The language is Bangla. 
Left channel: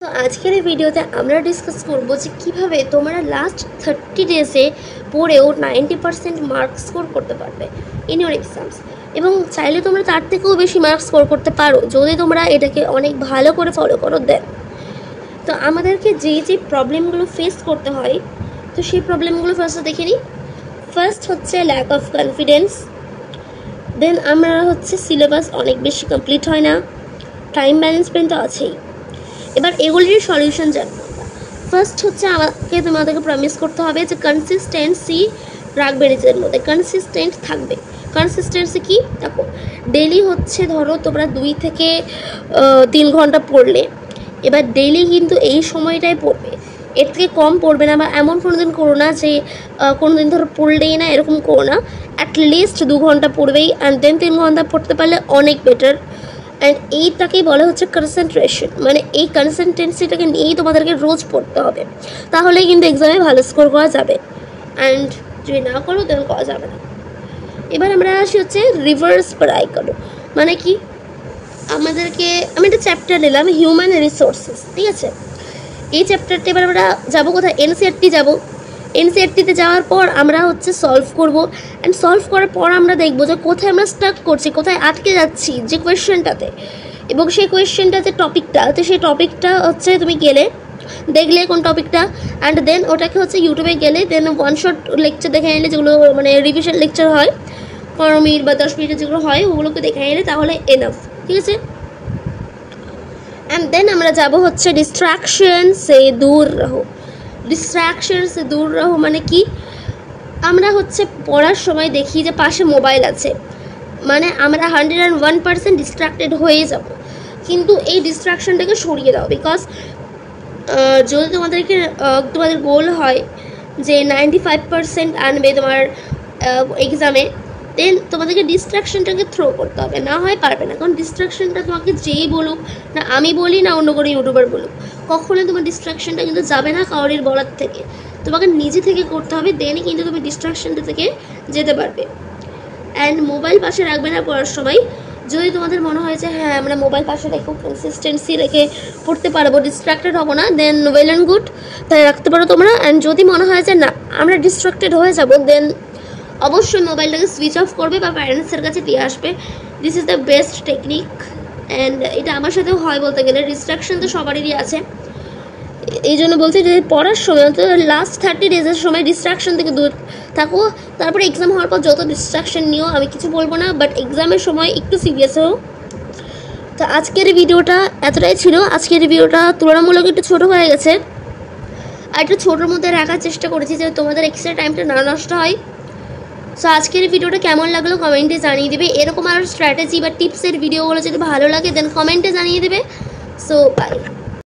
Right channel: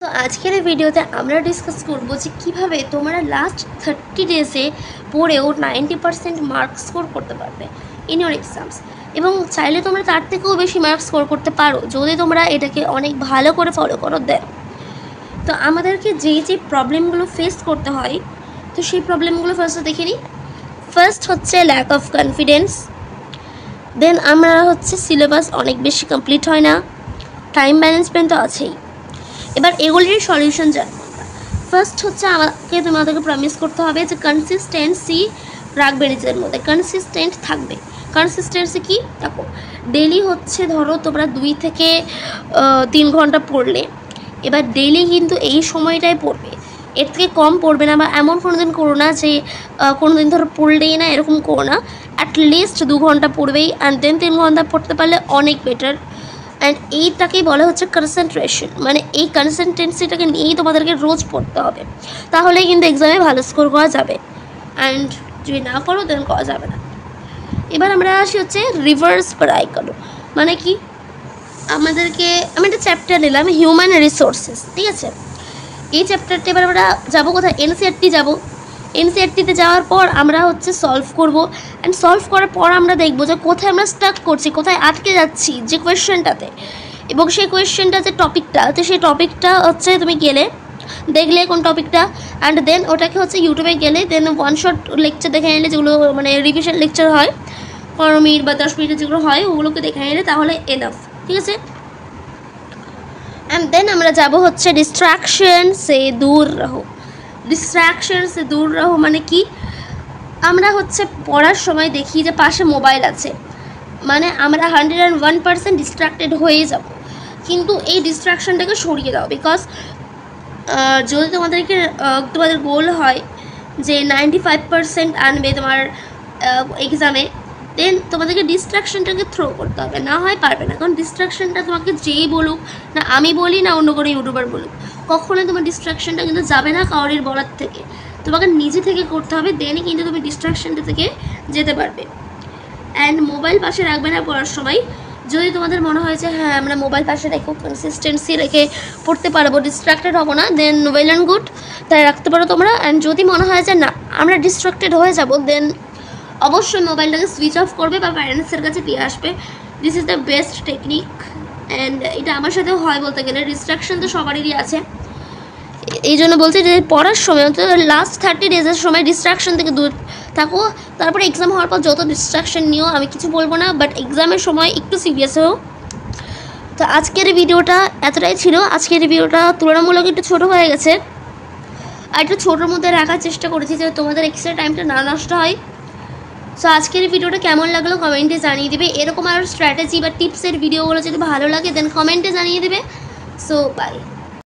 তো আজকের এই ভিডিওতে আমরা ডিসকাস করবো যে কীভাবে তোমরা লাস্ট 30 ডেজে পড়েও 90% মার্কস স্কোর করতে পারবে ইন ইউর এক্সামস, এবং চাইলে তোমরা তার থেকেও বেশি মার্কস স্কোর করতে পারো যদি তোমরা এটাকে অনেক ভালো করে ফলো করো দেন। তো আমাদেরকে যে প্রবলেমগুলো ফেস করতে হয়, তো সেই প্রবলেমগুলো ফার্স্টে দেখে নিই। ফার্স্ট হচ্ছে ল্যাক অফ কনফিডেন্স, দেন আমরা হচ্ছে সিলেবাস অনেক বেশি কমপ্লিট হয় না, টাইম ম্যানেজমেন্ট তো আছেই। এবার এগুলির সলিউশন জানবো। ফার্স্ট হচ্ছে তোমাদেরকে প্রমিস করতে হবে যে কনসিস্টেন্সি রাখবে নিজের মধ্যে, কনসিস্টেন্ট থাকবে। কনসিস্টেন্সি কি দেখো, ডেলি হচ্ছে ধরো তোমরা 2 থেকে 3 ঘন্টা পড়লে, এবার ডেলি কিন্তু এই সময়টাই পড়বে, এর থেকে কম পড়বে না। বা এমন কোনো দিন করো না যে কোনো দিন ধরো পড়লেই না, এরকম করো না। অ্যাটলিস্ট 2 ঘন্টা পড়বেই, অ্যান্ড দেন 3 ঘন্টা পড়তে পারলে অনেক বেটার। অ্যান্ড এইটাকেই বলা হচ্ছে কনসেন্ট্রেশন, মানে এই কনসেন্ট্রেন্সিটাকে নিয়েই তোমাদেরকে রোজ পড়তে হবে, তাহলেই কিন্তু এক্সামে ভালো স্কোর করা যাবে। অ্যান্ড যদি না করো দেন করা যাবে না। এবার আমরা আসি হচ্ছে রিভার্স পড়াই করো, মানে কি আমাদেরকে, আমি একটা চ্যাপ্টার নিলাম হিউম্যান রিসোর্সেস, ঠিক আছে। এই চ্যাপ্টারটা এবার আমরা যাবো কোথায়, এনসিইআরটি যাবো। এনসিইআরটিতে যাওয়ার পর আমরা হচ্ছে সলভ করব, অ্যান্ড সলভ করার পর আমরা দেখবো যে কোথায় আমরা স্টাক করছি, কোথায় আটকে যাচ্ছি যে কোয়েশ্চেনটাতে, এবং সেই কোয়েশ্চেনটা যে টপিকটা, তো সেই টপিকটা হচ্ছে তুমি গেলে দেখলে কোন টপিকটা, অ্যান্ড দেন ওটাকে হচ্ছে ইউটিউবে গেলে দেন ওয়ান শট লেকচার দেখে নিলে, যেগুলো মানে রিভিশন লেকচার হয় 15 মিনিট বা 10 মিনিটের যেগুলো হয়, ওগুলোকে দেখে নিলে তাহলে এনাফ, ঠিক আছে। অ্যান্ড দেন আমরা যাব হচ্ছে ডিস্ট্রাকশন সে দূর রহো। ডিস্ট্রাকশন সে দূর রহো মানে কি, আমরা হচ্ছে পড়ার সময় দেখি যে পাশে মোবাইল আছে, মানে আমরা 101% ডিস্ট্রাক্টেড হয়ে যাব। কিন্তু এই ডিস্ট্রাকশনটাকে সরিয়ে দাও, বিকজ যদি তোমাদের গোল হয় যে 95% আনবে তোমার এক্সামে, দেন তোমাদেরকে ডিস্ট্রাকশনটাকে থ্রো করতে হবে, না হয় পারবে না। কারণ ডিস্ট্রাকশনটা তোমাকে যেই বলুক না, আমি বলি না অন্য কোনো ইউটিউবার বলুক, কখনোই তোমার ডিস্ট্রাকশনটা কিন্তু যাবে না কারোর বলার থেকে, তোমাকে নিজে থেকে করতে হবে, দেনই কিন্তু তুমি ডিস্ট্রাকশনটা থেকে যেতে পারবে। অ্যান্ড মোবাইল পাশে রাখবে না পড়ার সময়। যদি তোমাদের মনে হয় যে হ্যাঁ আমরা মোবাইল পাশে রেখে কনসিস্টেন্সি রেখে পড়তে পারবো, ডিস্ট্রাক্টেড হবো না, দেন ওয়েল অ্যান্ড গুড, তাই রাখতে পারো তোমরা। অ্যান্ড যদি মনে হয় যে না আমরা ডিস্ট্রাক্টেড হয়ে যাবো, দেন অবশ্যই মোবাইলটাকে সুইচ অফ করবে বা প্যারেন্টসের কাছে দিয়ে আসবে। This is the best technique, and এটা আমার সাথেও হয় বলতে গেলে। ডিস্ট্রাকশন তো সবারই আছে, এই জন্য বলছি যে পড়ার সময় তো লাস্ট 30 ডেজের সময় ডিস্ট্রাকশন থেকে দূর থাকো। তারপরে এক্সাম হওয়ার পর যত ডিস্ট্রাকশন নিও আমি কিছু বলবো না, বাট এক্সামের সময় একটু সিরিয়াস হও। তো আজকের ভিডিওটা এতটাই ছিল। আজকের ভিডিওটা তুলনামূলক একটু ছোটো হয়ে গেছে, আর একটু ছোটোর মধ্যে রাখার চেষ্টা করেছি যে তোমাদের এক্সট্রা টাইমটা না নষ্ট হয়। সো আজকের ভিডিওটা কেমন লাগলো কমেন্টে জানিয়ে দেবে। এরকম আর স্ট্র্যাটেজি বা টিপসের ভিডিওগুলো যদি ভালো লাগে দেন কমেন্টে জানিয়ে দেবে। So by.